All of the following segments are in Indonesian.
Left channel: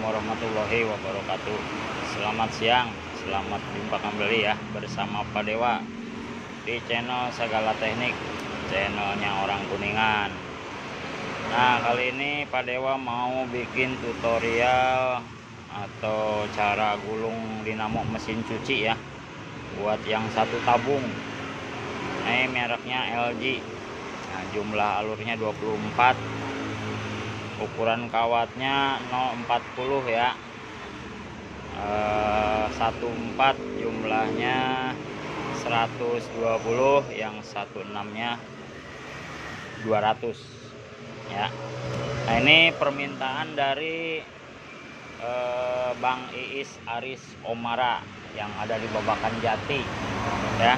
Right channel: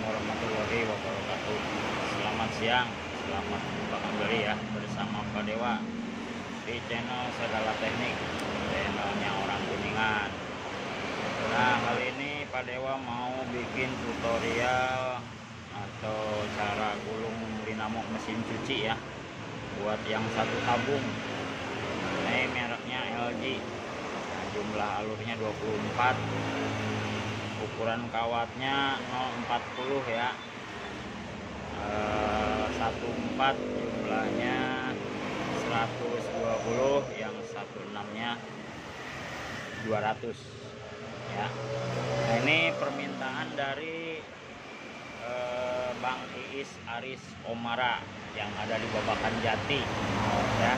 warahmatullahi wabarakatuh. Selamat siang, selamat jumpa kembali ya bersama Pak Dewa di channel Segala Teknik, channelnya orang Kuningan. Nah, kali ini Pak Dewa mau bikin tutorial atau cara gulung dinamo mesin cuci ya, buat yang satu tabung. Ini mereknya LG. Nah, jumlah alurnya 24, ukuran kawatnya 040 ya, 14 jumlahnya 120, yang 16 nya 200 ya. Nah, ini permintaan dari Bang Iis Aris Omara yang ada di Babakan Jati ya,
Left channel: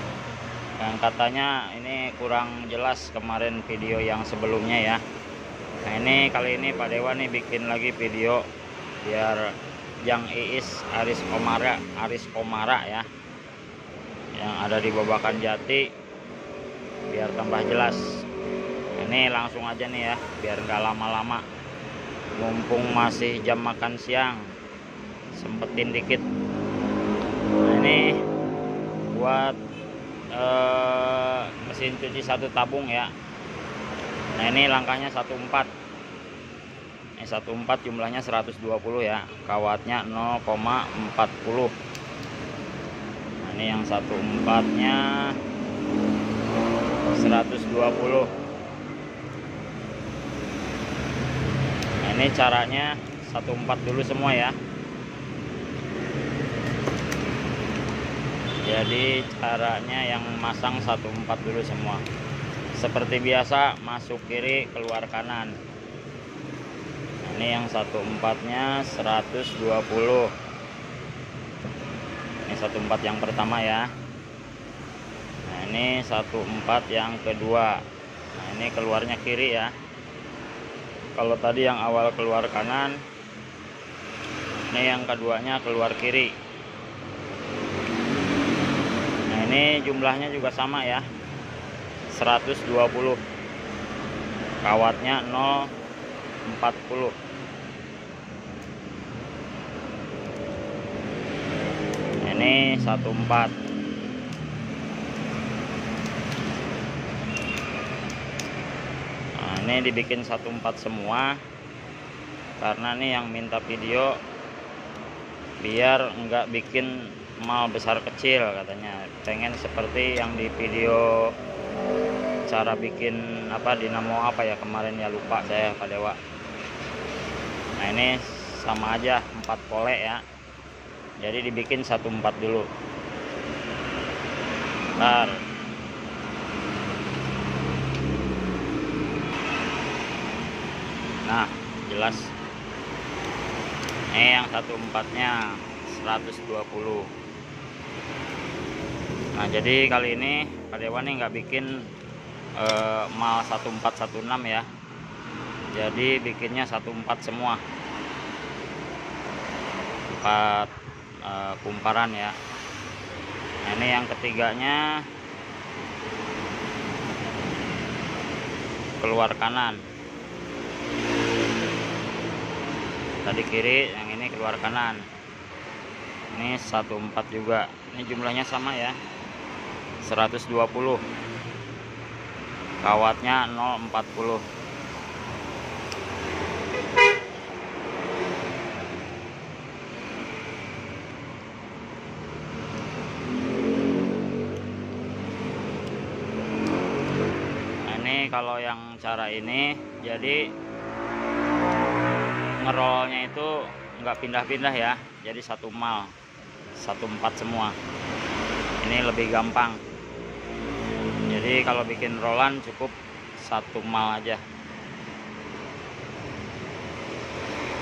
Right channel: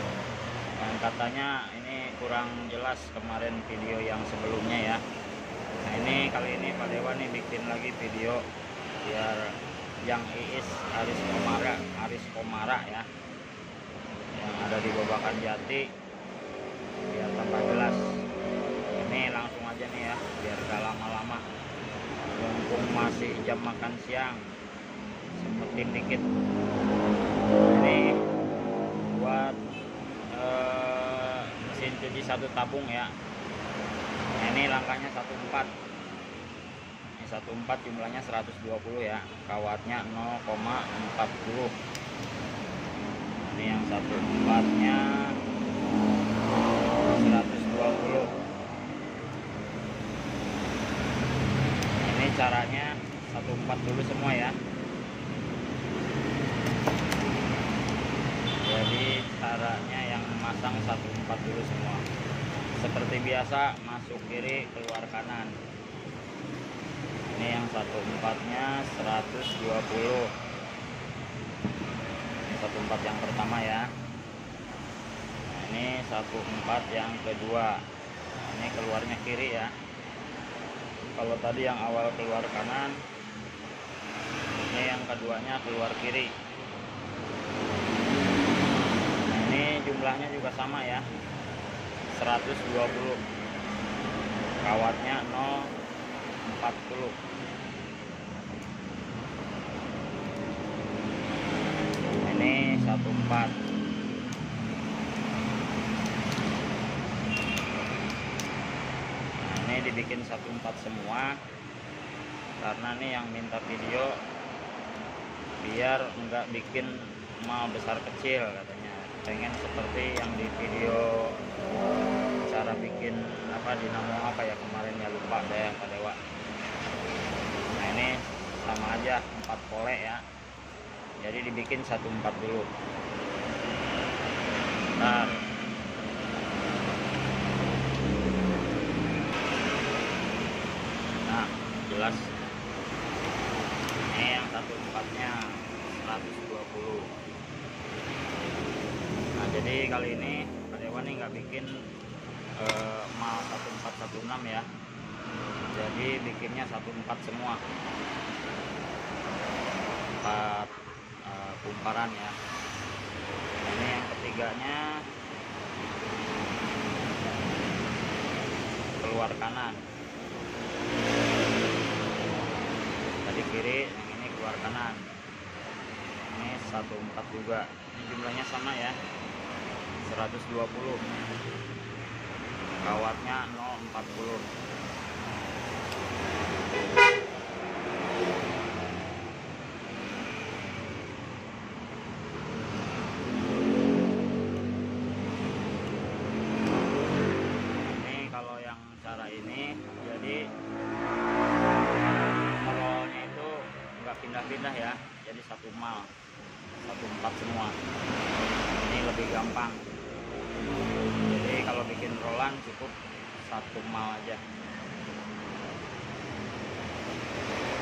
yang katanya ini kurang jelas kemarin video yang sebelumnya ya. Nah, ini kali ini Pak Dewa nih bikin lagi video biar yang Iis Aris Omara ya, yang ada di Babakan Jati, biar tambah jelas. Ini langsung aja nih ya, biar gak lama-lama, mumpung masih jam makan siang, sempetin dikit. Nah, ini buat mesin cuci satu tabung ya. Nah, ini langkahnya 14. Ini 14 jumlahnya 120 ya, kawatnya 0,40. Nah, ini yang 14 nya 120. Nah, ini caranya 14 dulu semua ya. Jadi caranya yang masang 14 dulu semua. Seperti biasa, masuk kiri keluar kanan. Ini yang 14 nya 120. Ini 14 yang pertama ya. Nah, ini 14 yang kedua. Nah, ini keluarnya kiri ya. Kalau tadi yang awal keluar kanan, ini yang keduanya keluar kiri. Nah, ini jumlahnya juga sama ya, 120, kawatnya 040. Ini 14. Nah, ini dibikin 14 semua karena nih yang minta video biar enggak bikin mal besar kecil, katanya pengen seperti yang di video cara bikin apa dinamo apa ya kemarin ya, lupa saya Pak Dewa. Nah, ini sama aja 4 pole ya, jadi dibikin 14 dulu. Bentar. Nah, jelas. Ini yang 14 nya 120. Nah, jadi kali ini Pak Dewa nih nggak bikin mal 1416 ya, jadi bikinnya 14 semua, 4 kumparan ya. Nah, ini yang ketiganya keluar kanan, tadi kiri, yang ini keluar kanan. Ini 14 juga, ini jumlahnya sama ya, 120, kawatnya 040. Nah, ini kalau yang cara ini, jadi ngerolnya itu nggak pindah-pindah ya, jadi satu mal 14 semua. Ini lebih gampang. Jadi kalau bikin rolan cukup satu mal aja.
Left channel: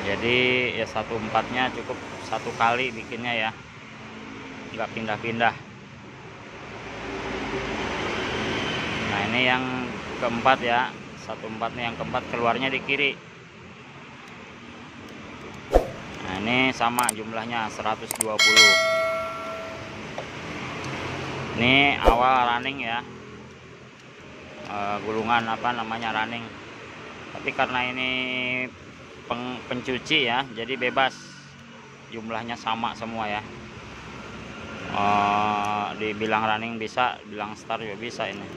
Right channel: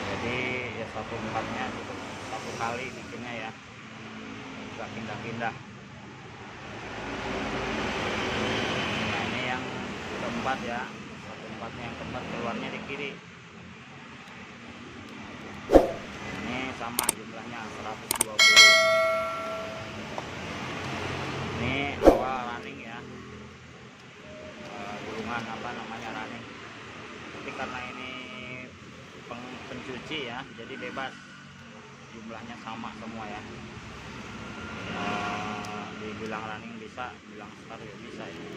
Jadi ya 14 nya cukup satu kali bikinnya ya, nggak pindah-pindah. Nah, ini yang keempat ya, 14 nya yang keempat keluarnya di kiri. Nah, ini sama jumlahnya 120. Ini awal running ya, gulungan apa namanya running, tapi karena ini pencuci ya, jadi bebas, jumlahnya sama semua ya. Dibilang running bisa, bilang start juga bisa ini,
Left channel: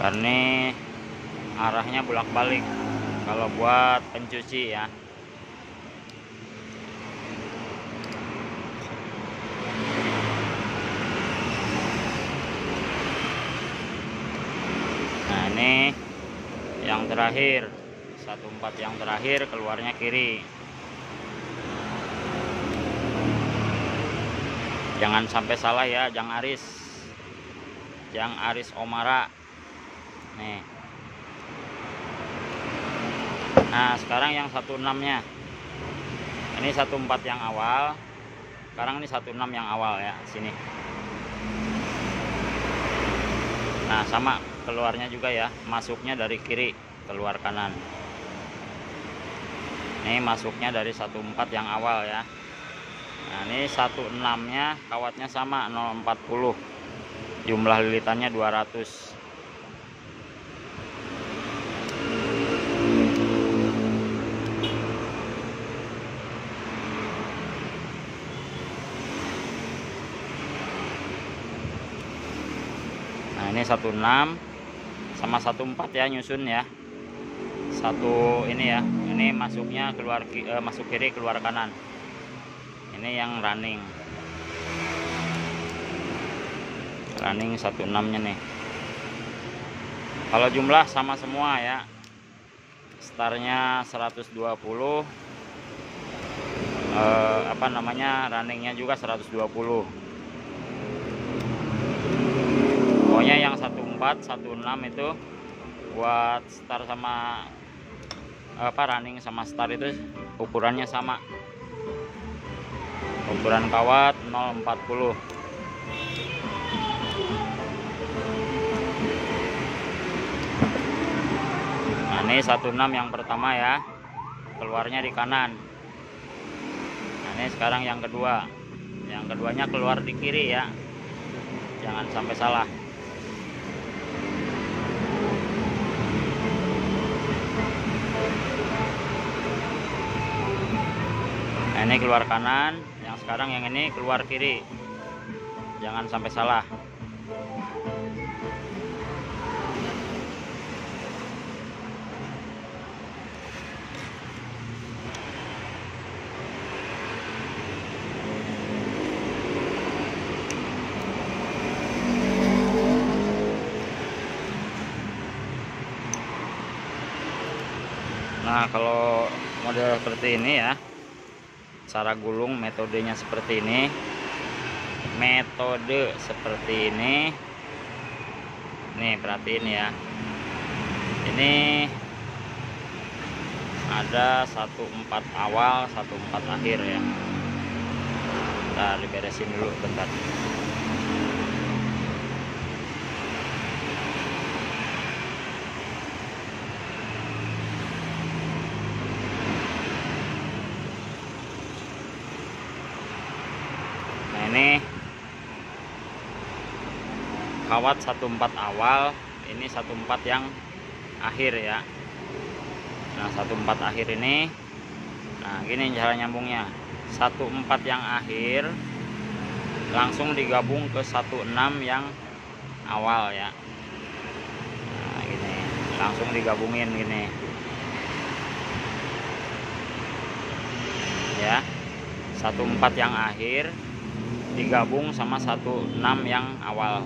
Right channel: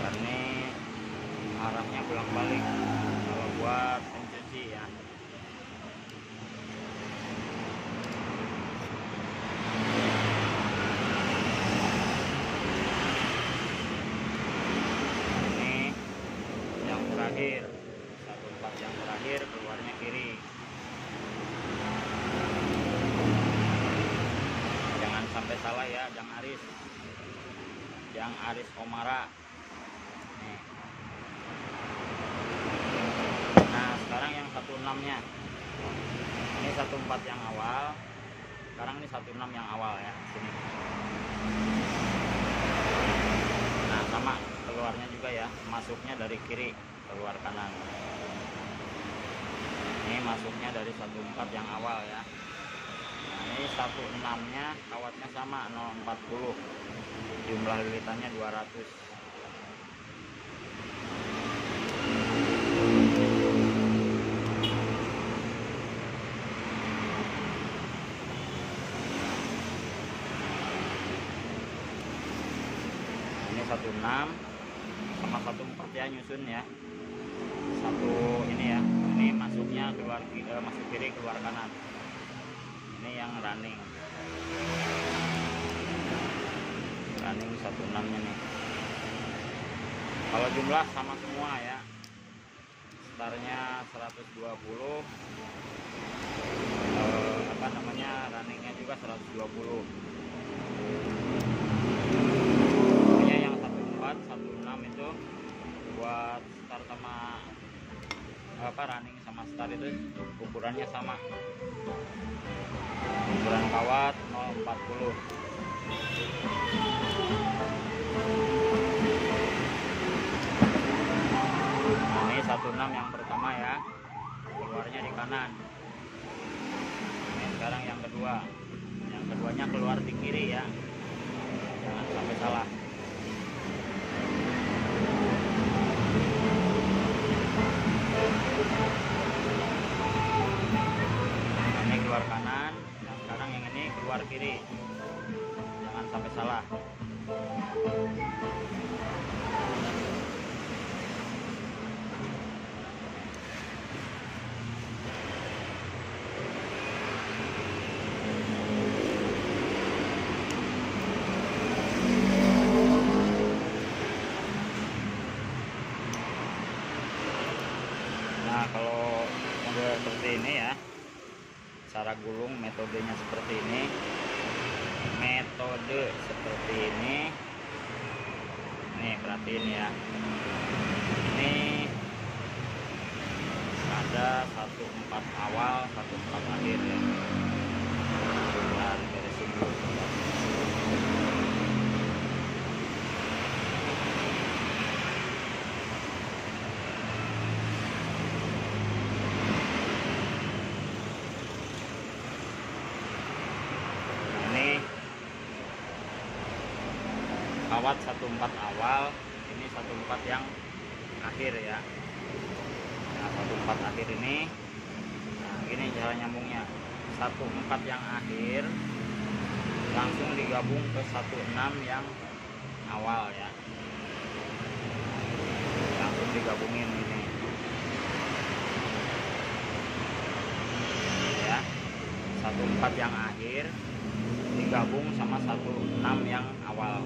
karena arahnya bolak-balik kalau buat pencuci ya. Nah ini yang terakhir, 14 yang terakhir keluarnya kiri. Jangan sampai salah ya, Jang Aris Omara nih. Nah sekarang yang 16 nya, ini 14 yang awal, sekarang ini 16 yang awal ya, sini. Nah sama keluarnya juga ya, masuknya dari kiri keluar kanan. Ini masuknya dari 14 yang awal ya. Nah ini 16 nya kawatnya sama 040, jumlah lilitannya 200. Nah ini 16 sama 14 ya, nyusun ya. Satu ini ya, ini masuknya keluar masuk kiri keluar kanan. Ini yang running 16 nya nih. Kalau jumlah sama semua ya, startnya 120, runningnya juga 120. Pokoknya yang 14 16 itu buat start sama running sama start itu ukurannya sama, ukuran kawat 040. Nah ini 16 yang pertama ya, keluarnya di kanan. Nah, ini sekarang yang kedua, yang keduanya keluar di kiri ya, jangan sampai salah. Nah, ini keluar kanan, yang sekarang yang ini keluar kiri, jangan sampai salah. Nah kalau model seperti ini ya, cara gulung metodenya seperti ini, nih perhatiin ya, ini ada 14 awal 14 akhir ya. Nah diberesin dulu bentar. Ini kawat 14 awal, ini 14 yang akhir ya. Nah 14 akhir ini, nah gini cara nyambungnya, 14 yang akhir langsung digabung ke 16 yang awal ya. Nah gini, langsung digabungin gini ya, 14 yang akhir digabung sama 16 yang awal.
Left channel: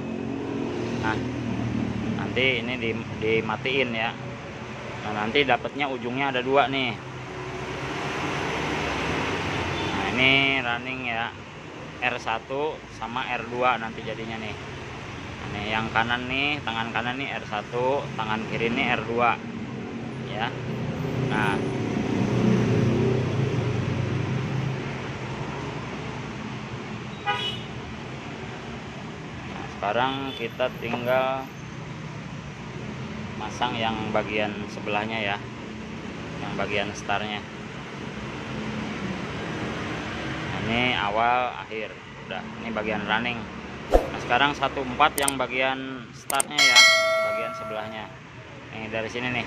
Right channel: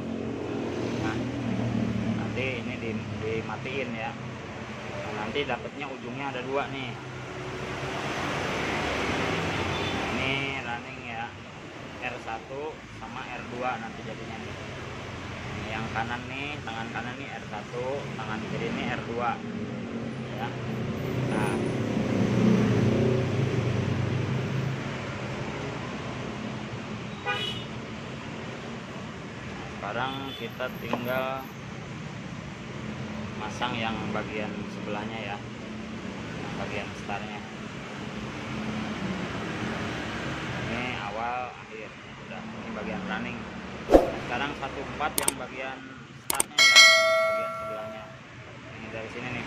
Nah nanti ini dimatiin ya. Nah nanti dapatnya ujungnya ada 2 nih. Nah, ini running ya, R1 sama R2 nanti jadinya nih. Nih yang kanan nih, tangan kanan nih R1, tangan kiri nih R2 ya. Nah sekarang kita tinggal masang yang bagian sebelahnya ya, yang bagian startnya. Ini awal akhir udah, ini bagian running. Nah, sekarang 14 yang bagian startnya ya, bagian sebelahnya. Nih dari sini nih.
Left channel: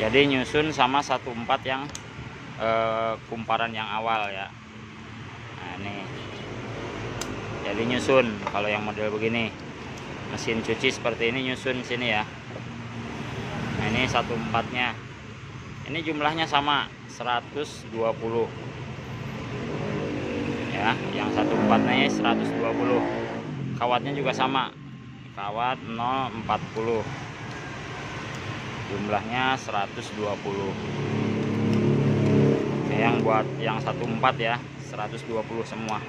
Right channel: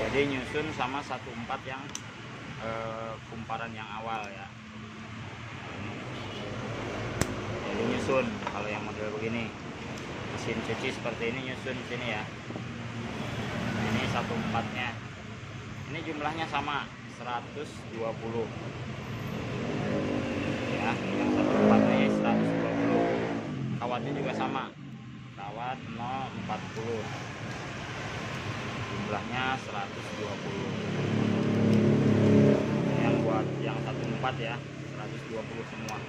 Jadi nyusun sama 14 yang kumparan yang awal ya. Nah ini. Jadi nyusun kalau yang model begini. Mesin cuci seperti ini nyusun sini ya. Nah, ini 14-nya. Ini jumlahnya sama 120. Ya, yang 14-nya 120. Kawatnya juga sama. Kawat 040. Jumlahnya 120. Oke, yang buat yang 14 ya, 120 semua.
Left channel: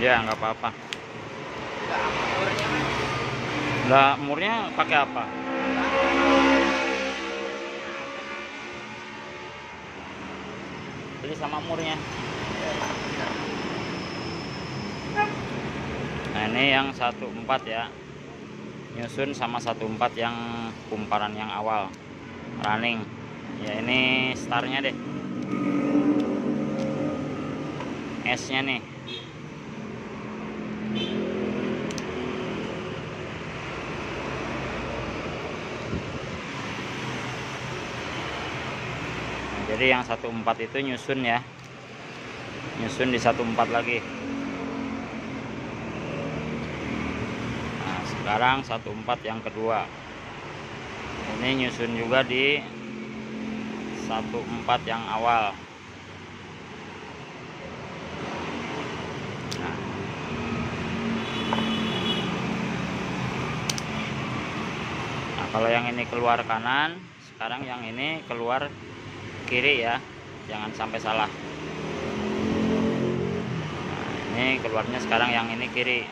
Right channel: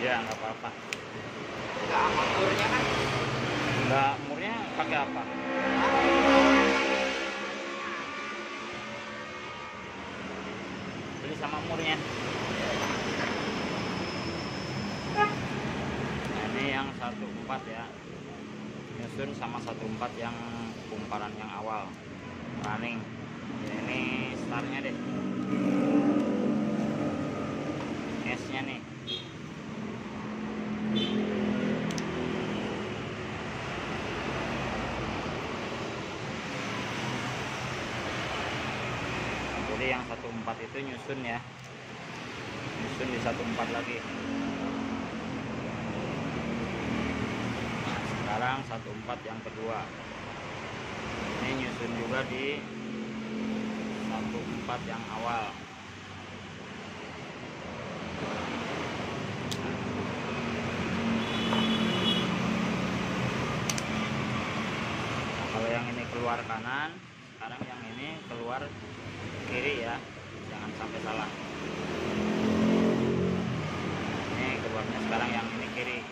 Ya nggak apa-apa. Lah murnya pakai apa? Jadi sama murnya. Nah ini yang 14 ya, nyusun sama 14 yang kumparan yang awal running ya. Ini startnya deh, S nya nih. Jadi yang 14 itu nyusun ya, nyusun di 14 lagi. Nah, sekarang 14 yang kedua ini nyusun juga di 14 yang awal. Nah, kalau yang ini keluar kanan, sekarang yang ini keluar kiri ya, jangan sampai salah. Ini keluarnya sekarang yang ini kiri.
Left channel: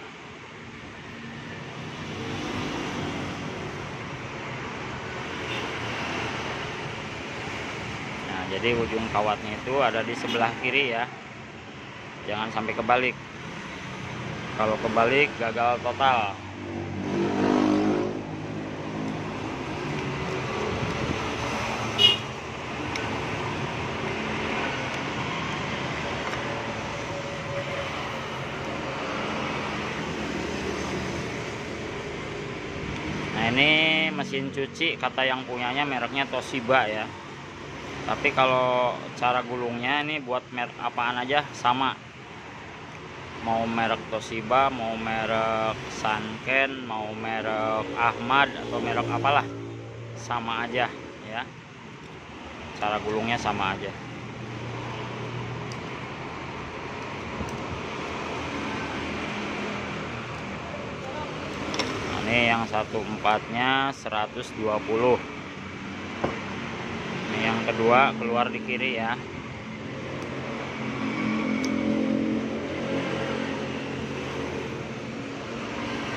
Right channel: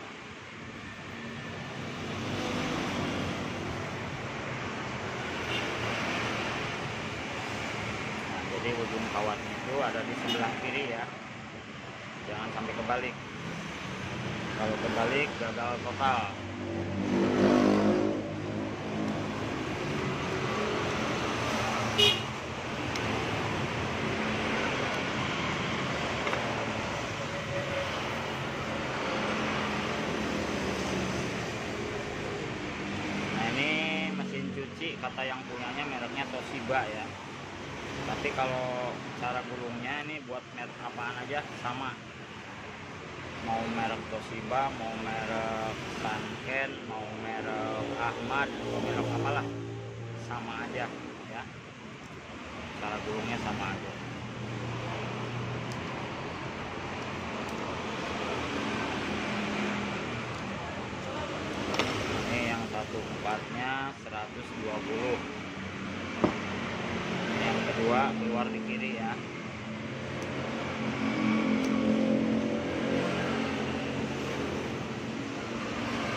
Nah jadi ujung kawatnya itu ada di sebelah kiri ya, jangan sampai kebalik. Kalau kebalik gagal total. Ini mesin cuci kata yang punyanya mereknya Toshiba ya, tapi kalau cara gulungnya ini buat merek apaan aja sama, mau merek Toshiba, mau merek Sanken, mau merek Ahmad atau merek apalah, sama aja ya, cara gulungnya sama aja. Ini yang 14-nya 120. Ini yang kedua keluar di kiri ya.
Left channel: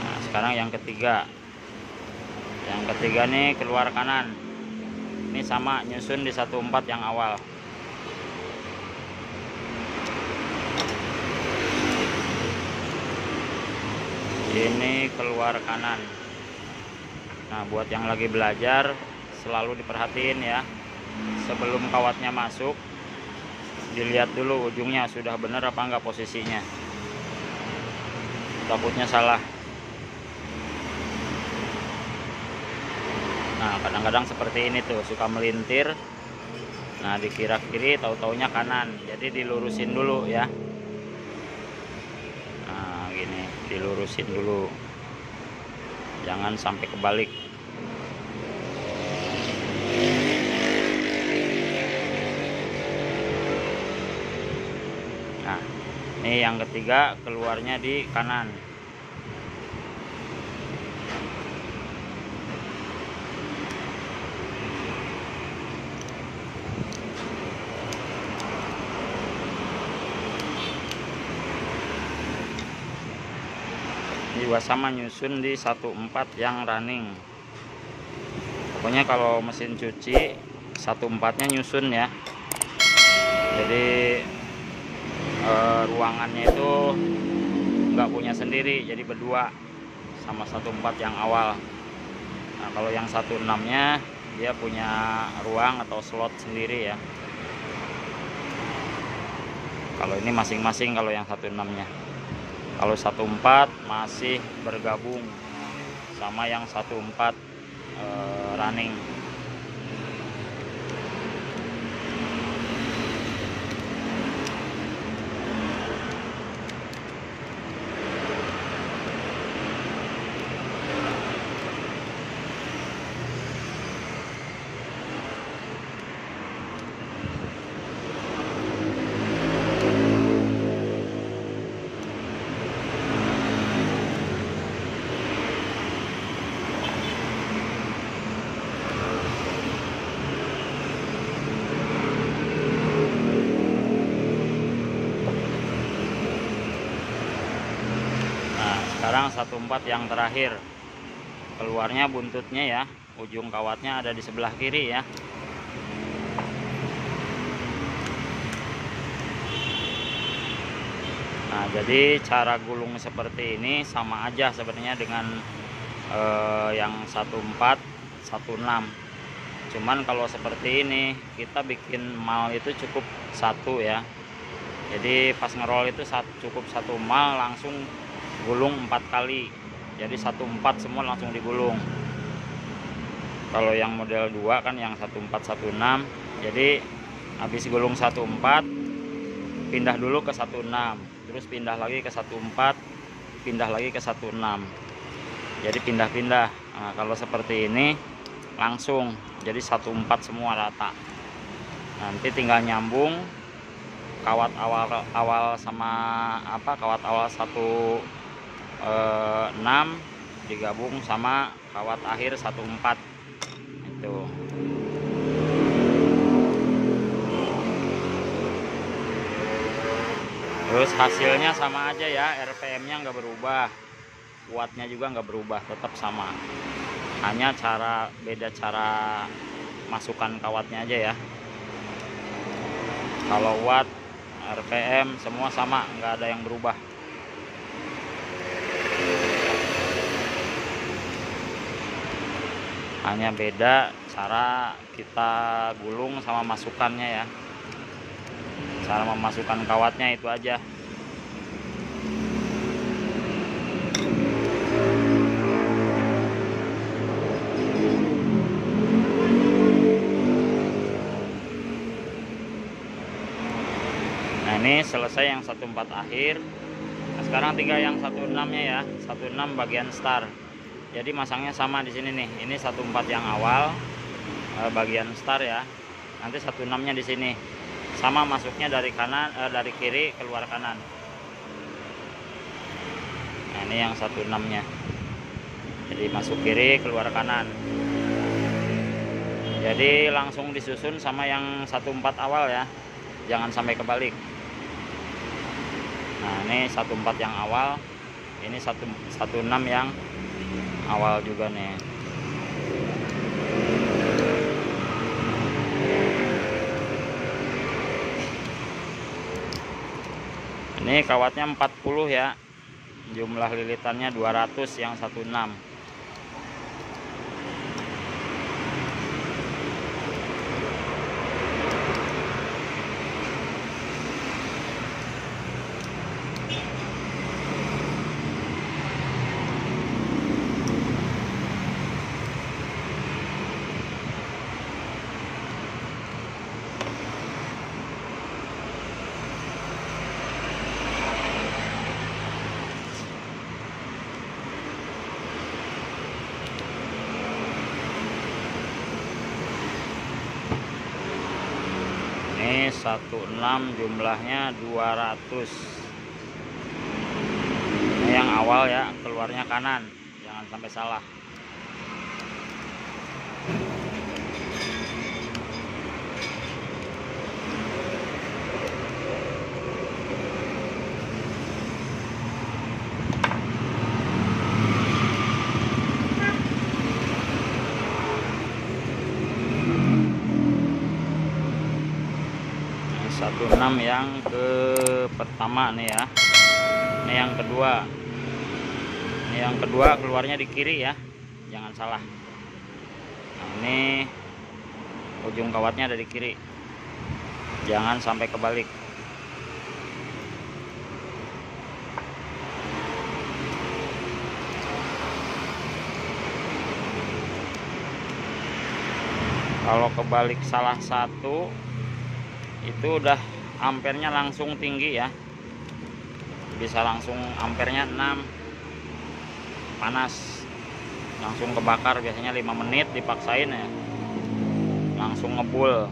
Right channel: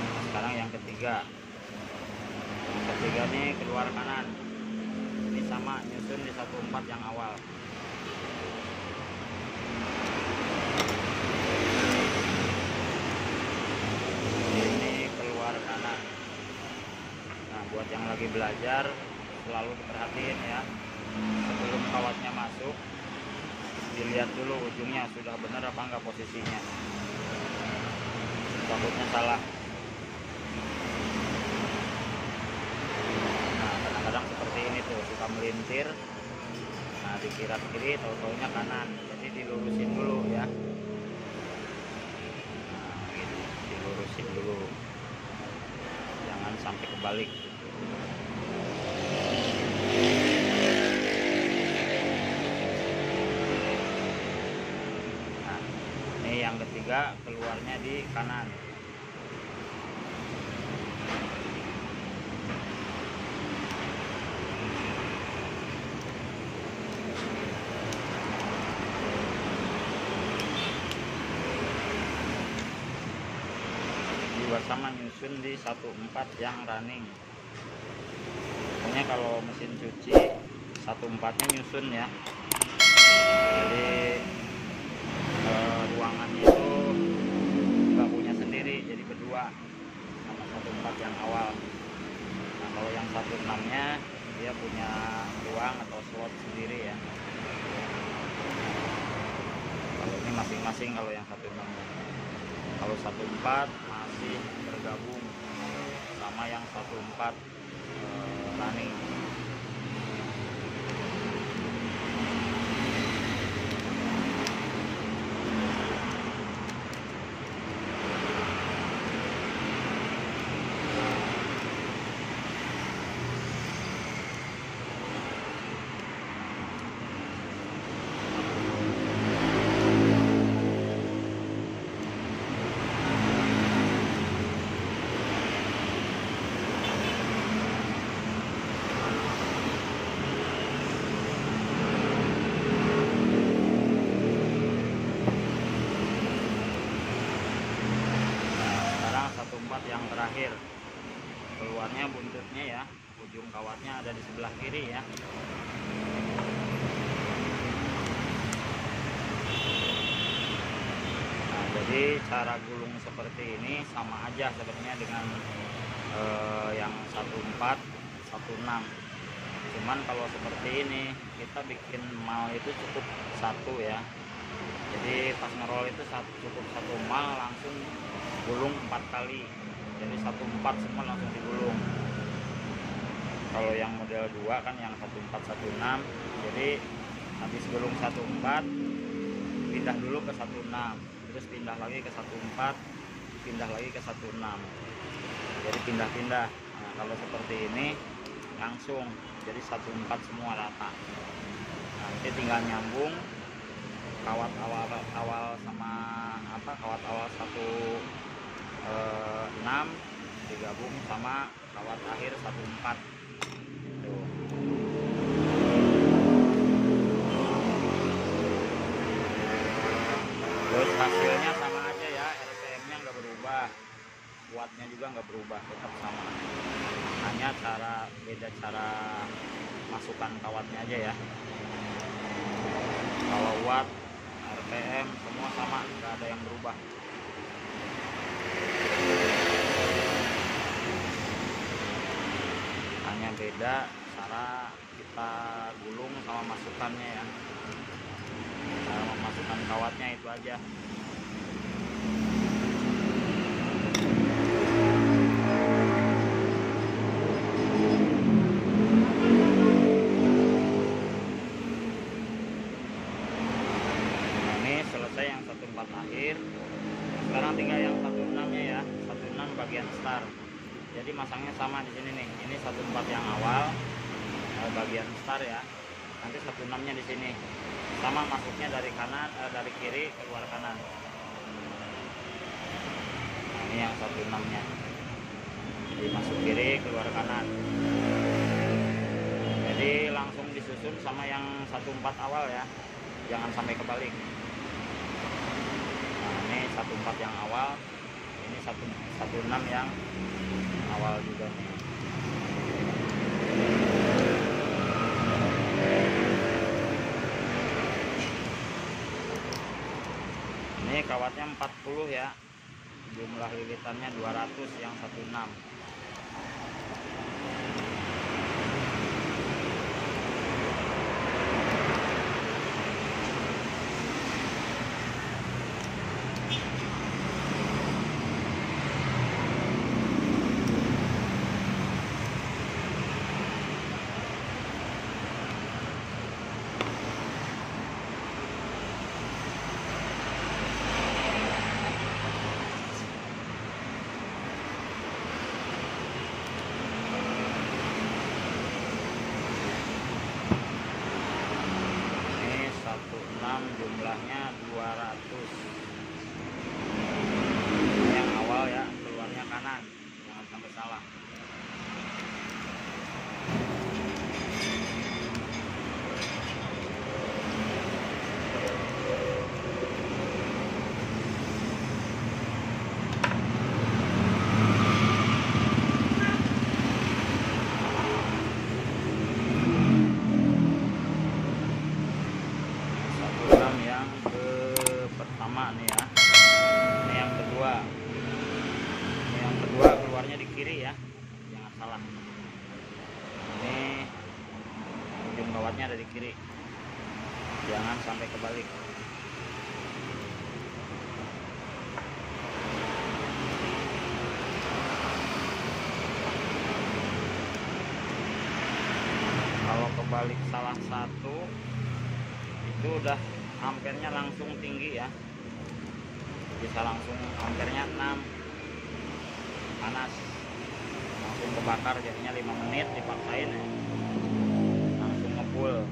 Nah, sekarang yang ketiga. Yang ketiga nih keluar kanan. Ini sama nyusun di 14 yang awal. Ini keluar kanan. Nah buat yang lagi belajar selalu diperhatiin ya, sebelum kawatnya masuk dilihat dulu ujungnya sudah benar apa enggak posisinya, takutnya salah. Nah kadang-kadang seperti ini tuh suka melintir. Nah dikira kiri tahu-taunya kanan, jadi dilurusin dulu ya. Dilurusin dulu, jangan sampai kebalik. Nah ini yang ketiga keluarnya di kanan. Juga sama nyusun di 14 yang running. Pokoknya kalau mesin cuci 14-nya nyusun ya. Jadi ruangannya itu nggak punya sendiri, jadi berdua sama 14 yang awal. Nah kalau yang 16-nya dia punya ruang atau slot sendiri ya. Kalau ini masing-masing kalau yang 16-nya. Kalau 14 masih bergabung sama yang 14 running. Sekarang 14 yang terakhir, keluarnya buntutnya ya, ujung kawatnya ada di sebelah kiri ya. Nah, jadi cara gulung seperti ini sama aja sebenarnya dengan yang 14 16. Cuman kalau seperti ini kita bikin mal itu cukup satu ya. Jadi pas ngerol itu cukup satu mal langsung gulung 4 kali, jadi 14 semua langsung digulung. Kalau yang model 2 kan yang 14 16, jadi habis gulung 14 pindah dulu ke 16, terus pindah lagi ke 14, pindah lagi ke 16, jadi pindah-pindah. Nah, kalau seperti ini langsung jadi 14 semua rata. Nanti tinggal nyambung kawat awal sama kawat awal 16 digabung sama kawat akhir 14 itu. Terus hasilnya sama aja ya, RPM-nya nggak berubah, wattnya juga nggak berubah, tetap sama. Hanya beda cara masukkan kawatnya aja ya. Kalau watt, RPM semua sama, nggak ada yang berubah. Hanya beda cara kita gulung sama masukannya ya, cara memasukkan kawatnya itu aja. Nah, ini selesai yang 14 akhir. Nah, sekarang tinggal yang 16-nya ya, 16 bagian start. Jadi masangnya sama di sini nih. Ini 14 yang awal bagian start ya. Nanti 16-nya di sini. Sama masuknya dari kanan dari kiri keluar kanan. Nah, ini yang 16-nya. Jadi masuk kiri keluar kanan. Jadi langsung disusun sama yang 14 awal ya. Jangan sampai kebalik. Nah, ini 14 yang awal. Ini 16 yang awal juga nih. Ini kawatnya 40 ya, jumlah lilitannya 200 yang 16. Ini 16 jumlahnya 200. Ini yang awal ya, keluarnya kanan, jangan sampai salah. Yang ke pertama nih ya, ini yang kedua, ini yang kedua keluarnya di kiri ya, jangan salah. Ini ujung kawatnya ada di kiri, jangan sampai kebalik. Kalau kebalik salah satu itu udah ampernya langsung tinggi ya, bisa langsung ampernya 6, panas langsung kebakar. Biasanya 5 menit dipaksain ya, langsung ngebul.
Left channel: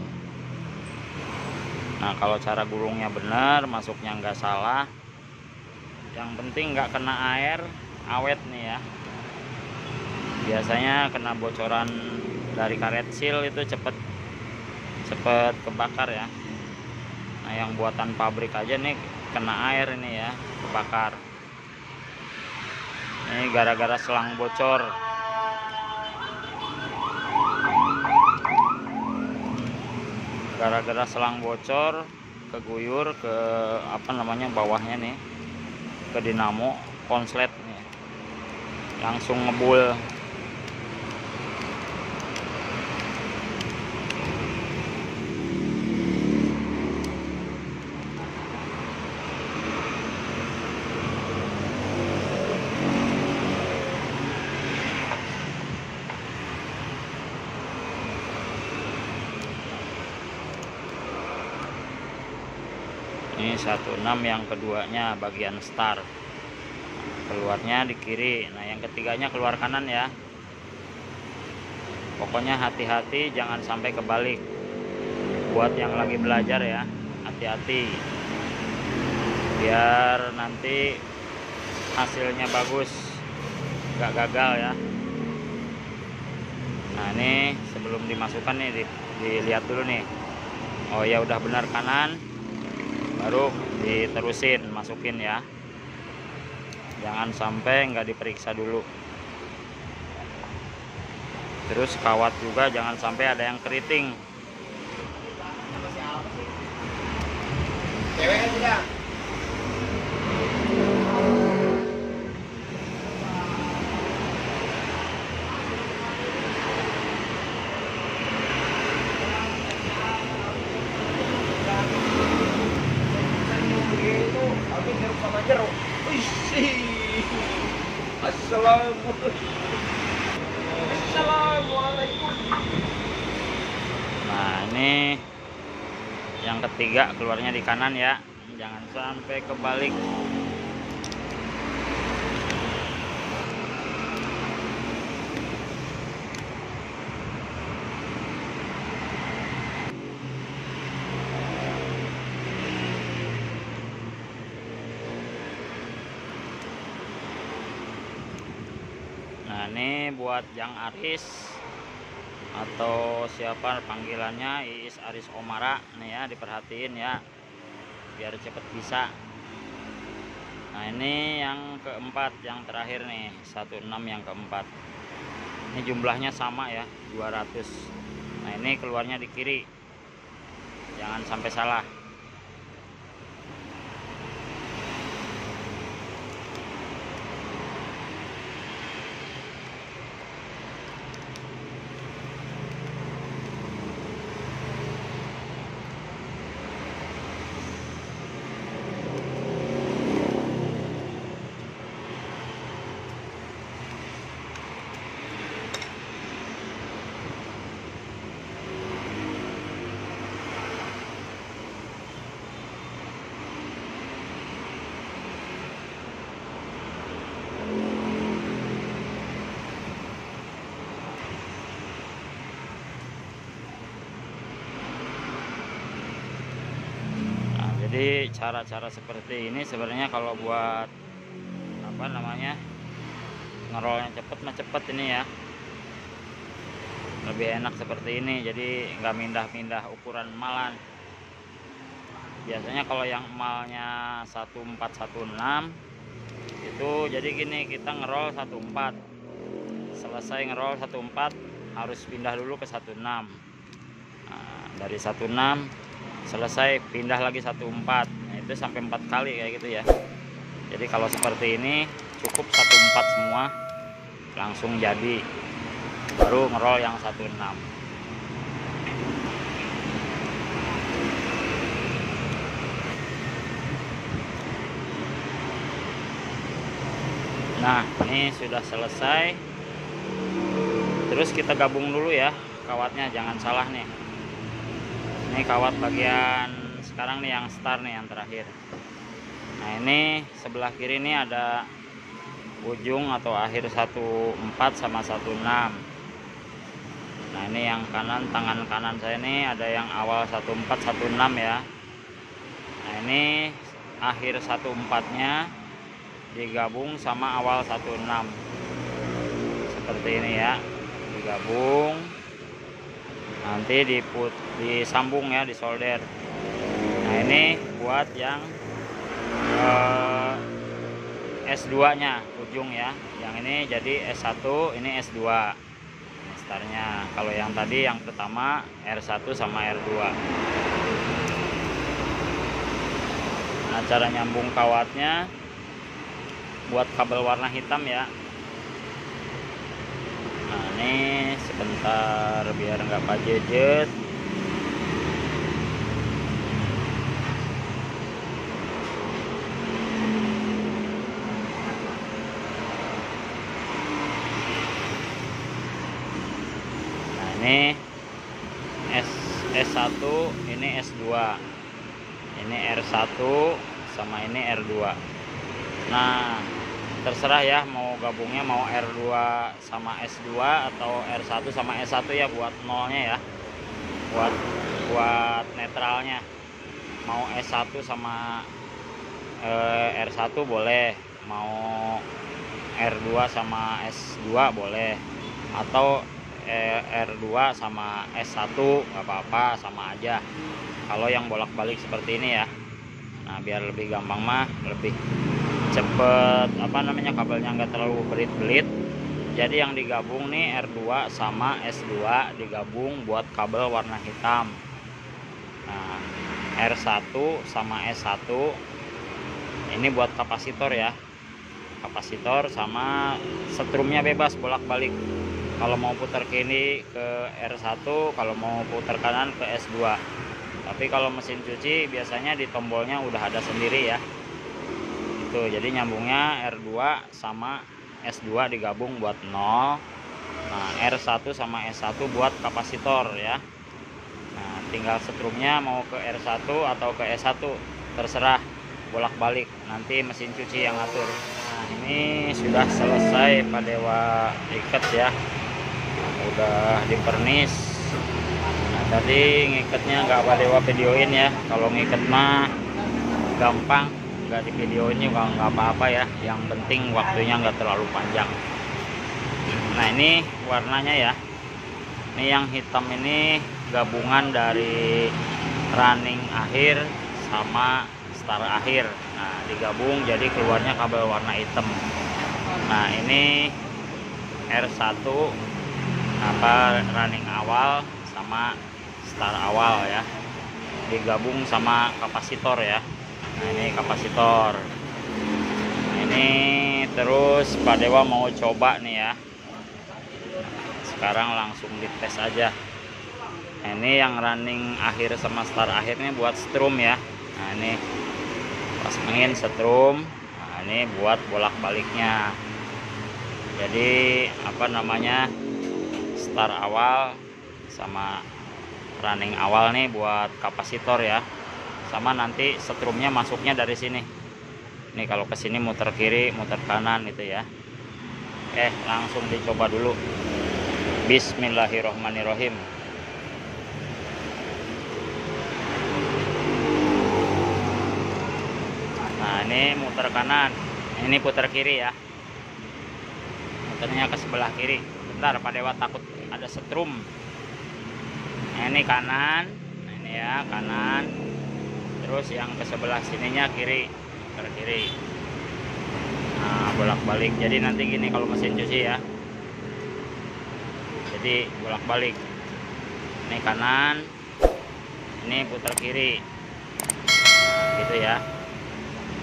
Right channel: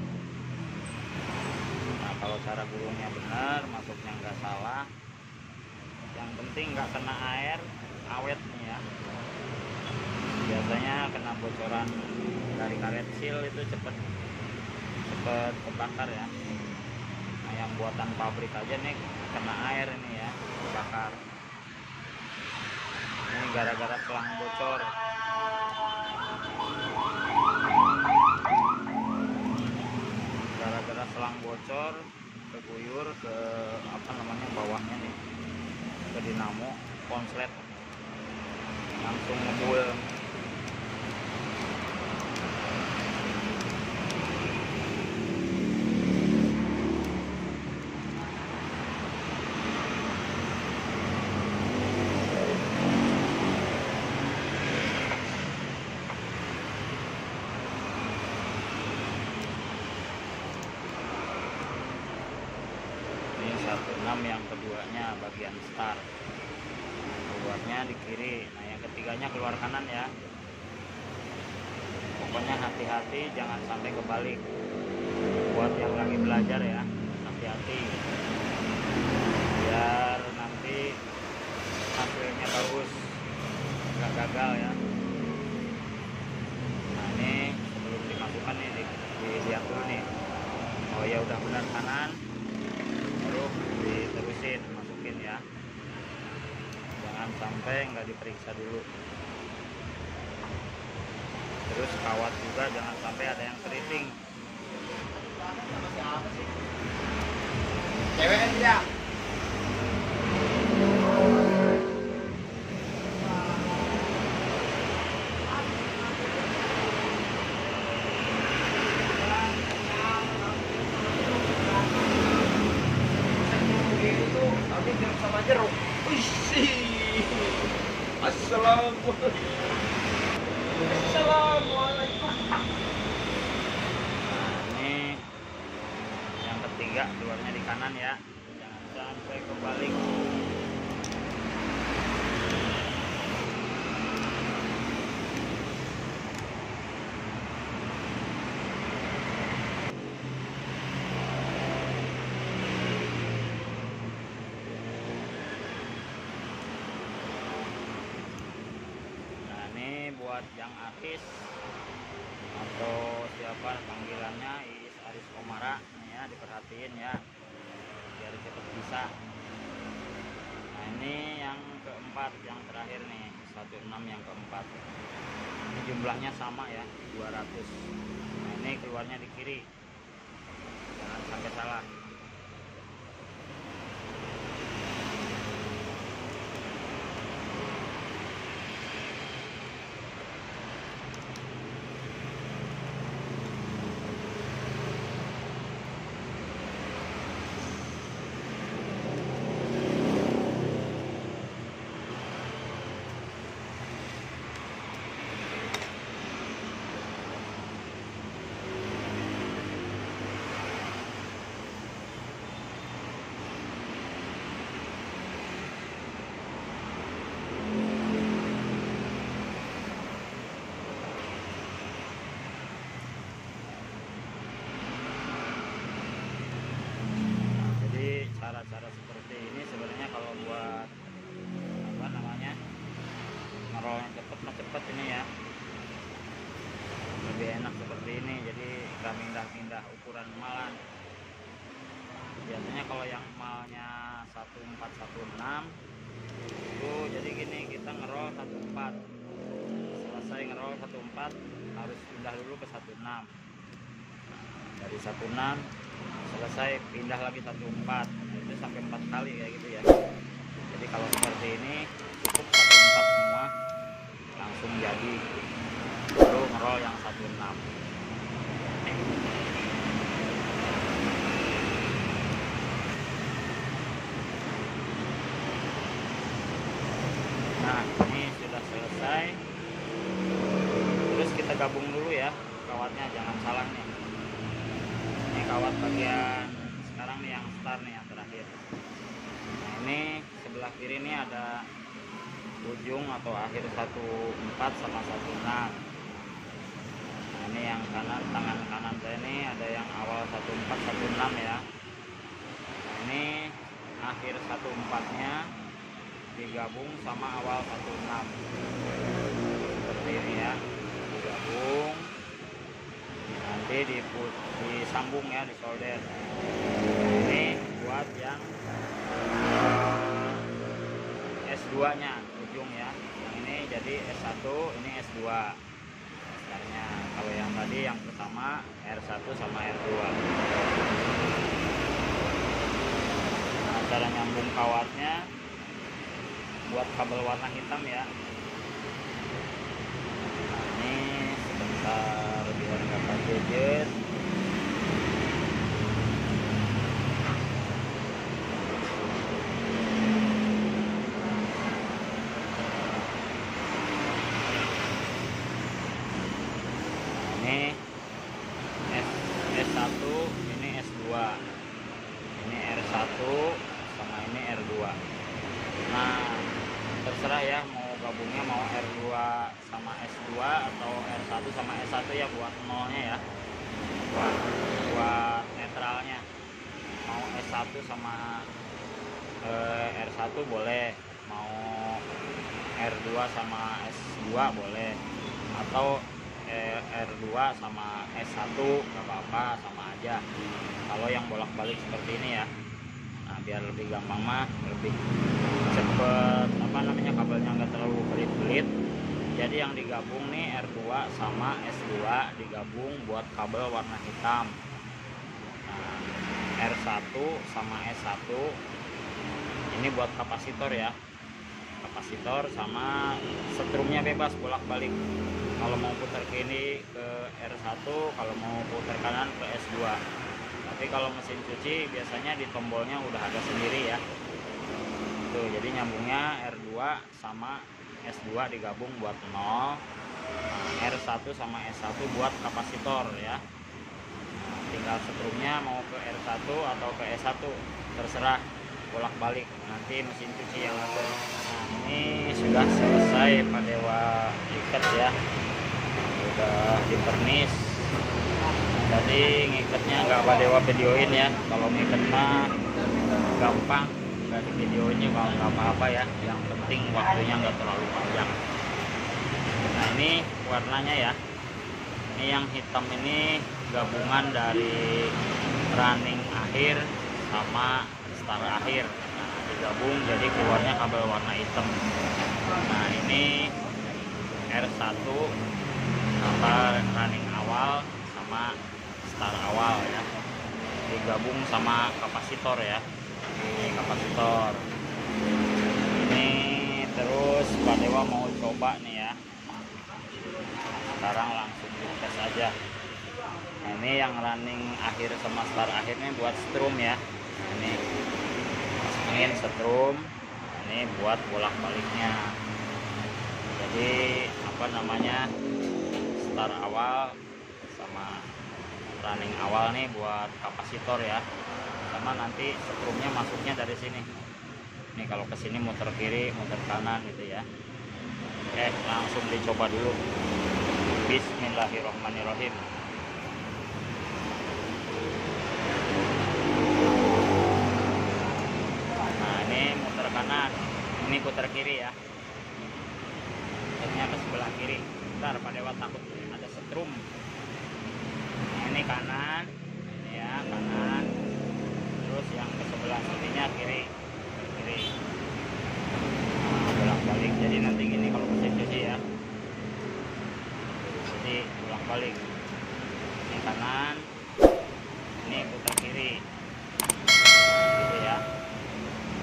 Nah kalau cara gulungnya benar, masuknya nggak salah, yang penting nggak kena air, awet nih ya. Biasanya kena bocoran dari karet seal itu cepet kebakar ya. Nah yang buatan pabrik aja nih kena air ini ya, kebakar. Ini gara-gara selang bocor. Gara-gara selang bocor, keguyur ke apa namanya bawahnya nih, ke dinamo konslet nih, langsung ngebul. Ini 16 yang keduanya bagian start, keluarnya di kiri. Nah yang ketiganya keluar kanan ya. Pokoknya hati-hati jangan sampai kebalik. Buat yang lagi belajar ya, hati-hati biar nanti hasilnya bagus, nggak gagal ya. Nah ini sebelum dimasukkan nih dilihat dulu nih, oh ya udah benar kanan, baru diterusin masukin ya, jangan sampai nggak diperiksa dulu. Terus kawat juga jangan sampai ada yang keriting. Nah ini yang ketiga keluarnya di kanan ya, jangan sampai kebalik. Ini buat Jang Aris atau siapa panggilannya, Iis Aris Omara nih ya, diperhatiin ya biar cepet bisa. Nah ini yang keempat, yang terakhir nih 16 yang keempat. Ini jumlahnya sama ya, 200. Nah ini keluarnya di kiri, jangan sampai salah. Jadi cara-cara seperti ini sebenarnya kalau buat apa namanya ngerolnya cepet mah cepet ini ya, lebih enak seperti ini. Jadi nggak mindah-mindah ukuran emalan. Biasanya kalau yang emalnya 1416 itu jadi gini, kita ngerol 14, selesai ngerol 14 harus pindah dulu ke 16. Nah, dari 16 selesai pindah lagi 14. Nah, itu sampai 4 kali kayak gitu ya. Jadi kalau seperti ini cukup 14 semua langsung jadi, baru ngerol yang 16. ini sudah selesai. Terus kita gabung dulu ya kawatnya, jangan salah nih. Ini kawat bagian sekarang nih yang start nih, yang terakhir. Nah ini sebelah kiri ini ada ujung atau akhir 14 sama 16. Nah ini yang kanan, tangan kanan saya ini ada yang awal 14 16 ya. Nah ini akhir 14 nya digabung sama awal 16 seperti ini ya, digabung nanti disambung ya, disolder. Nah ini buat yang S2 nya ujung ya, yang ini jadi S1, ini S2 startnya. Kalau yang tadi yang pertama R1 sama R2. Nah cara nyambung kawatnya buat kabel warna hitam ya. Nah ini sebentar biar nggak pajejet. Ini S1, ini S2, ini R1 sama ini R2. Nah terserah ya mau gabungnya mau R2 sama S2 atau R1 sama S1 ya, buat nolnya ya, buat netralnya. Mau S1 sama R1 boleh, mau R2 sama S2 boleh, atau R2 sama S1 gak apa-apa, sama aja kalau yang bolak-balik seperti ini ya. Nah biar lebih gampang mah, lebih cepet kabelnya nggak terlalu belit-belit. Jadi yang digabung nih R2 sama S2 digabung buat kabel warna hitam. Nah R1 sama S1 ini buat kapasitor ya, kapasitor sama setrumnya bebas bolak-balik. Kalau mau putar kiri ke R1, kalau mau putar kanan ke S2. Tapi kalau mesin cuci biasanya di tombolnya udah ada sendiri ya. Tuh, jadi nyambungnya R2 sama S2 digabung buat 0. Nah, R1 sama S1 buat kapasitor ya. Nah, tinggal setrumnya mau ke R1 atau ke S1 terserah, bolak-balik, nanti mesin cuci yang ngatur. Nah, ini sudah selesai Pak Dewa ikat ya. Udah dipernis. Nah, tadi ngikatnya nggak Pak Dewa videoin ya. Kalau ngikat mah gampang, nggak di videoin juga nggak apa-apa ya. Yang penting waktunya nggak terlalu panjang. Nah ini warnanya ya. Ini yang hitam ini gabungan dari running akhir sama star akhir. Nah digabung jadi keluarnya kabel warna hitam. Nah ini R1 running awal sama star awal ya, digabung sama kapasitor ya. Ini kapasitor ini. Terus Pak Dewa mau coba nih ya, sekarang langsung dites aja. Ini yang running akhir sama star akhir ini buat strum ya. Nah ini pasangin strum. Nah, ini buat bolak-baliknya. Jadi star awal sama running awal nih buat kapasitor ya. Sama nanti setrumnya masuknya dari sini. Ini kalau ke sini muter kiri, muter kanan itu ya. Oke, langsung dicoba dulu. Bismillahirrohmanirrohim. Nah ini muter kanan, ini putar kiri ya. Muternya ke sebelah kiri. Bentar Pak Dewa takut ada setrum. Nah, ini kanan. Nah, ini ya kanan. Terus yang ke sebelah sininya kiri, putar kiri. Nah bolak-balik. Jadi nanti gini kalau mesin cuci ya. Jadi bolak-balik. Ini kanan, ini putar kiri, gitu ya.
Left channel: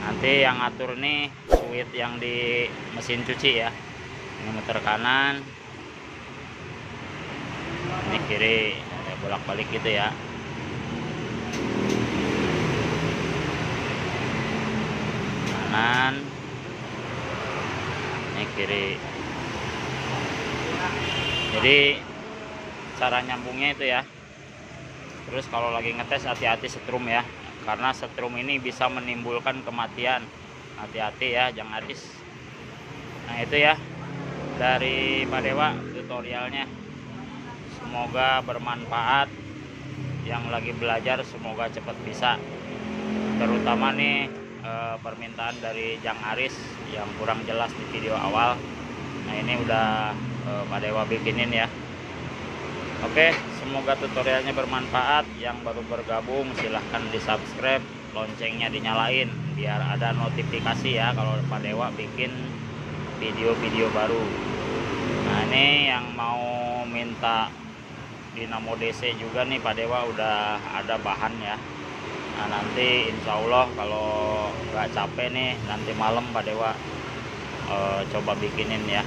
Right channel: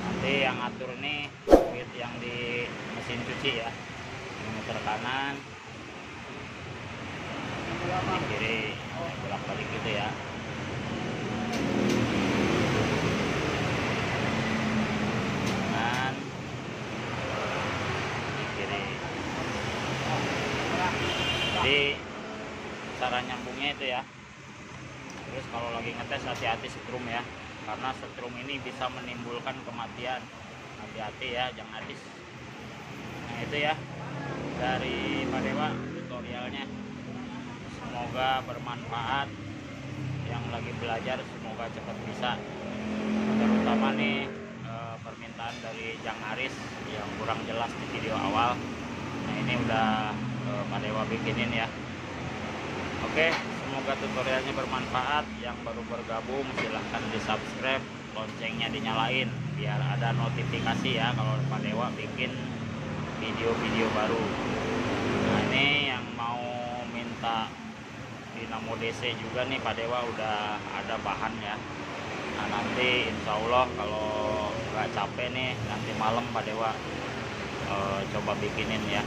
Nanti yang ngatur nih fluid yang di mesin cuci ya. Ini muter kanan, ini kiri, ya, bolak-balik gitu ya. Kanan, ini kiri. Jadi cara nyambungnya itu ya. Terus kalau lagi ngetes hati-hati setrum ya, karena setrum ini bisa menimbulkan kematian. Hati-hati ya, jangan habis. Nah itu ya dari Pak Dewa tutorialnya. Semoga bermanfaat. Yang lagi belajar semoga cepat bisa. Terutama nih permintaan dari Jang Aris yang kurang jelas di video awal. Nah ini udah Pak Dewa bikinin ya. Oke, semoga tutorialnya bermanfaat. Yang baru bergabung silahkan di subscribe, loncengnya dinyalain biar ada notifikasi ya kalau Pak Dewa bikin video-video baru. Nah ini yang mau minta dinamo DC juga nih Pak Dewa udah ada bahan ya. Nah nanti insya Allah kalau nggak capek nih nanti malam Pak Dewa coba bikinin ya.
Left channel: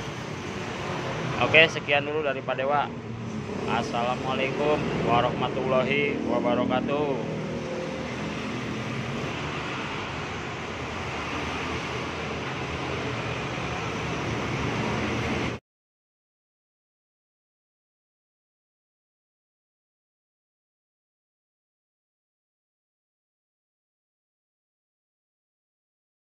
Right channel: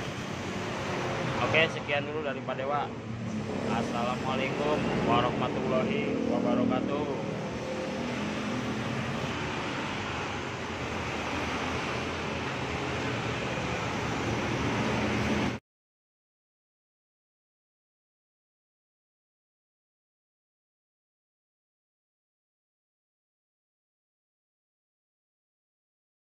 Oke, sekian dulu dari Pak Dewa. Assalamualaikum warahmatullahi wabarakatuh.